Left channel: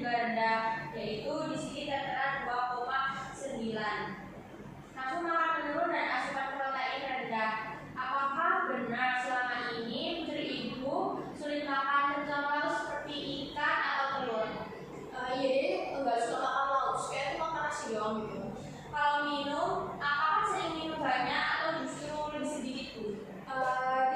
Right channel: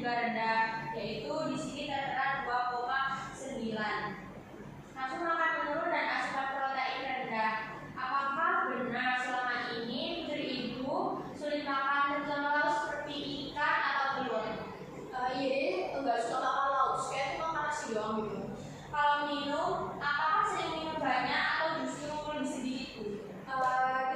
juga rendah, yaitu di sini tertera 2,9. Nafsu makan menurun dan asupan protein rendah. Apakah benar selama ini putri ibu sulit makan terutama lauk seperti ikan atau telur? Iya, enggak suka makan lauk, kayak cuma makan nasi doang gitu. Kalau minum, apakah sering minum banyak atau justru lebih sedikit Bu?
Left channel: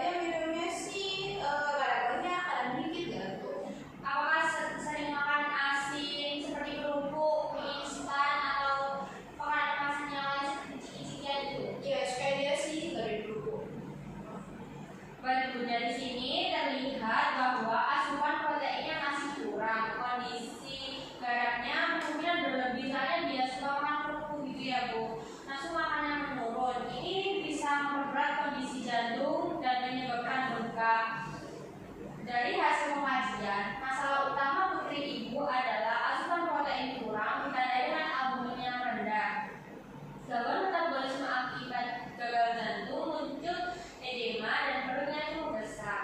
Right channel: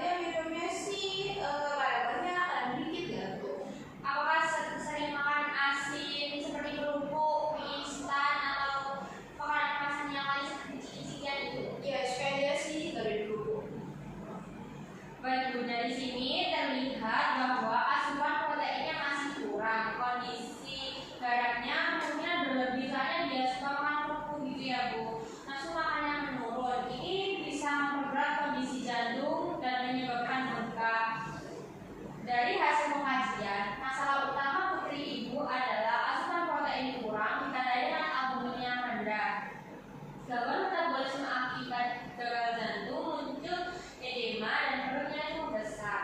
Dia minumnya sih kadang banyak, kadang dikit ya tuh. Apakah sering makan asin seperti kerupuk, mie instan atau makanan kemasan yang lain seperti ciki-cikian itu? Ya, suka dia sih dari dulu. Baik Bu, dari sini terlihat bahwa asupan proteinnya masih kurang. Kondisi garamnya kemungkinan berlebih karena dia suka makan kerupuk gitu ya Bu. Nafsu makannya menurun. Ini bisa memperberat kondisi jantung dan menyebabkan bengkak. Dari hasil pengajian, masalah utama putri ibu adalah asupan protein kurang ditandai dengan albumin yang rendah. Gangguan metabolisme akibat gagal jantung, muncul edema dan perutnya itu membesar.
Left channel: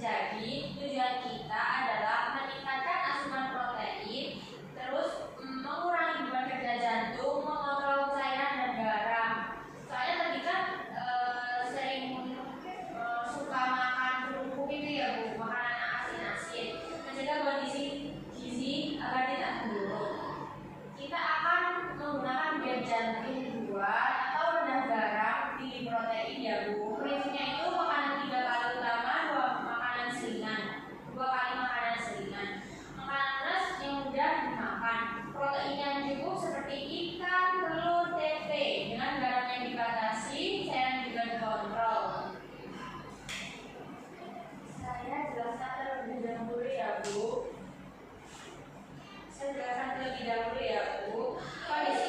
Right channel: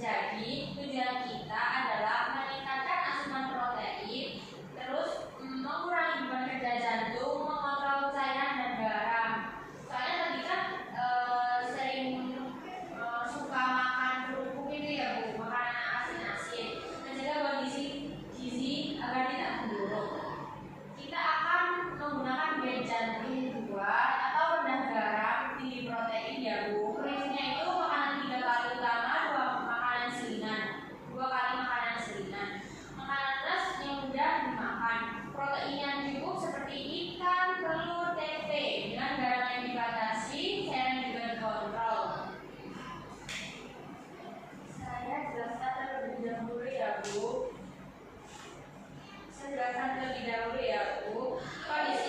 Jadi tujuan kita adalah meningkatkan asupan protein, terus mengurangi beban kerja jantung, mengontrol cairan dan garam. Soalnya tadi kan sering suka makan kerupuk ini ya Bu, makanan asin-asin, menjaga kondisi gizi agar tidak memburuk. Kita akan menggunakan diet jantung 2 atau rendah garam, tinggi protein ya Bu. Prinsipnya itu makanan 3 kali utama, 2 makanan selingan, 2 kali makanan selingan. Makanan beras yang mudah dimakan, protein yang cukup seperti ikan, telur, tempe dengan garam yang dibatasi, cairan juga dikontrol. Saya jelaskan terlebih dahulu ya Bu. Saya jelaskan terlebih dahulu ya Bu. Kondisi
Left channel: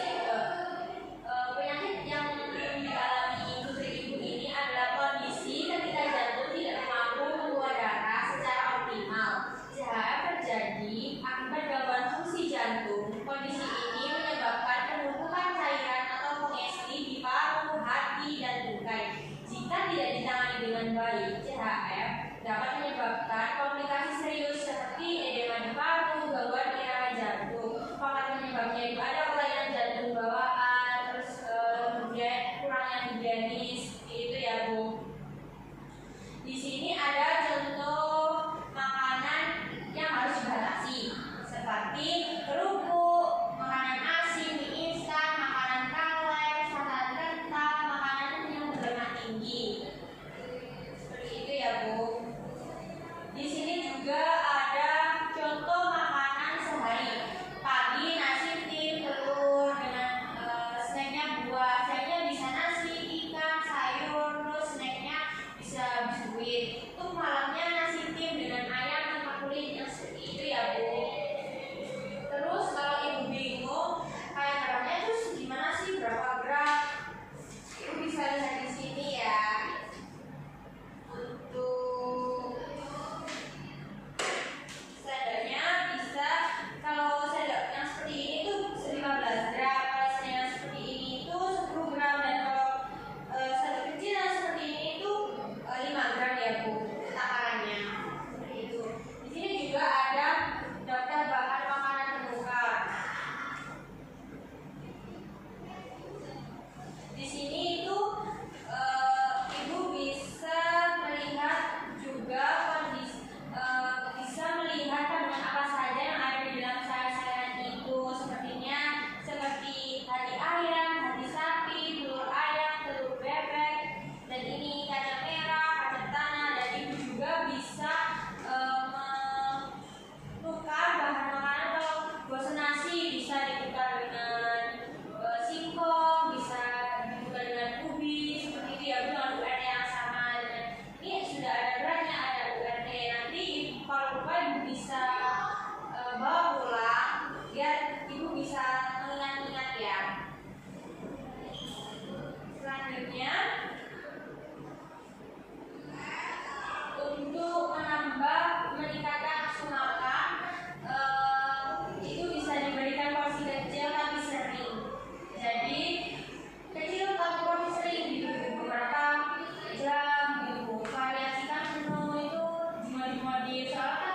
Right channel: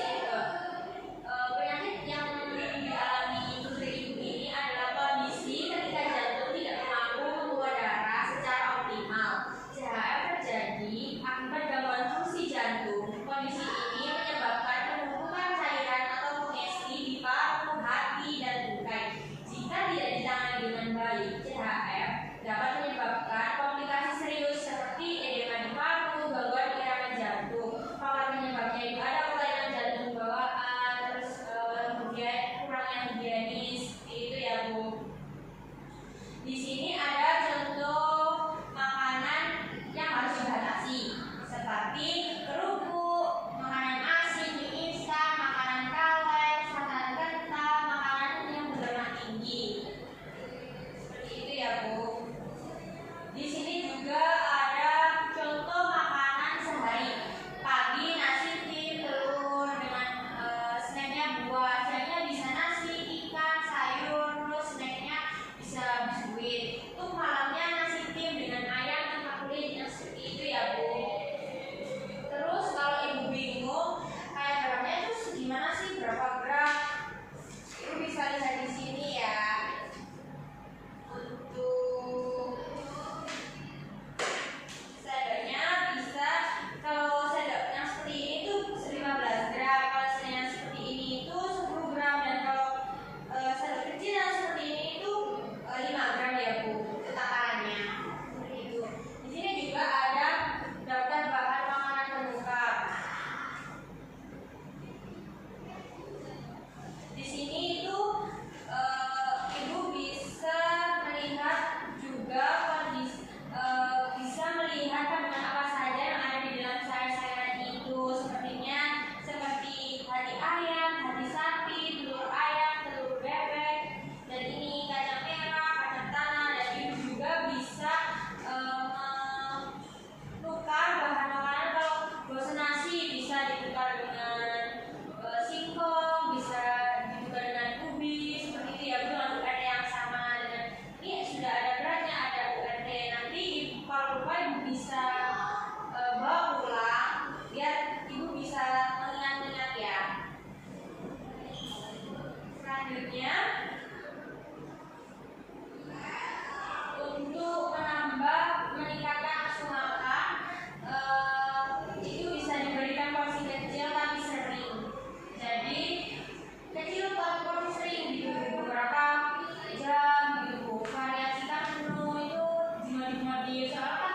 penyakit yang dialami putri ibu ini adalah kondisi ketika jantung tidak mampu membuat darah secara optimal. CHF terjadi akibat gangguan fungsi jantung. Kondisi ini menyebabkan penumpukan cairan atau kongesti di paru, hati, dan tungkai. Jika tidak ditangani dengan baik, CHF dapat menyebabkan komplikasi serius seperti edema di paru, gangguan irama jantung. Faktor penyebabnya itu ada kelainan jantung bawaan, terus kemudian kurangnya higienis, itu ya Bu. Di sini ada contoh makanan yang harus dibatasi, seperti kerupuk, makanan asin, mie instan, makanan kaleng, santan kental, makanan yang berlemak tinggi. Seperti itu ya Bu. Di sini juga ada contoh makanan sehari. Pagi nasi tim, telur dengan snacknya buah. Snacknya bisa nasi, ikan, sayur, terus snacknya bisa biskuit. Untuk malamnya nasi tim dengan ayam tanpa kulit, yang seperti itu ya Bu. Terus kalau ibu bingung kayak gramnya itu gimana sih, berapa gram? Ibu bisa lihat di sini ya. Untuk sadarnya bisa, kalau sendok yang seperti ini tuh 15 gram, kalau sendok yang seperti ini itu 10 gram, dan kalau sendok kecil yang seperti ini itu 5 gram ya Bu, takarannya seperti itu. Di sini juga ada daftar bahan makanan terbuka. Di sini itu ibu bisa melihat juga kondisi, bisa melihat kandungan apa saja yang ada di dalam sayur-sayuran itu, seperti hati ayam, hati sapi, telur ayam, telur bebek, dan ini kacang merah, kacang tanah, dan ibu juga bisa menukar bahan makanan. Kalau bosan nasi bisa ditukar dengan singkong, bisa ditukar dengan ubi, seperti itu ya Bu, dengan URT yang sama. Dan ini sudah ada beratnya, ada URT. Nanti kalau lupa ibu bisa bawa pulang biar ibu bisa mengingat-ingat ya. Selanjutnya, untuk meningkatkan nafsu makan, itu bisa diberikan porsi kecil tapi sering. Jadi kecil tapi porsi sering gitu, beberapa jam gitu. Variasikan menu itu jumlah-jumlah di soalnya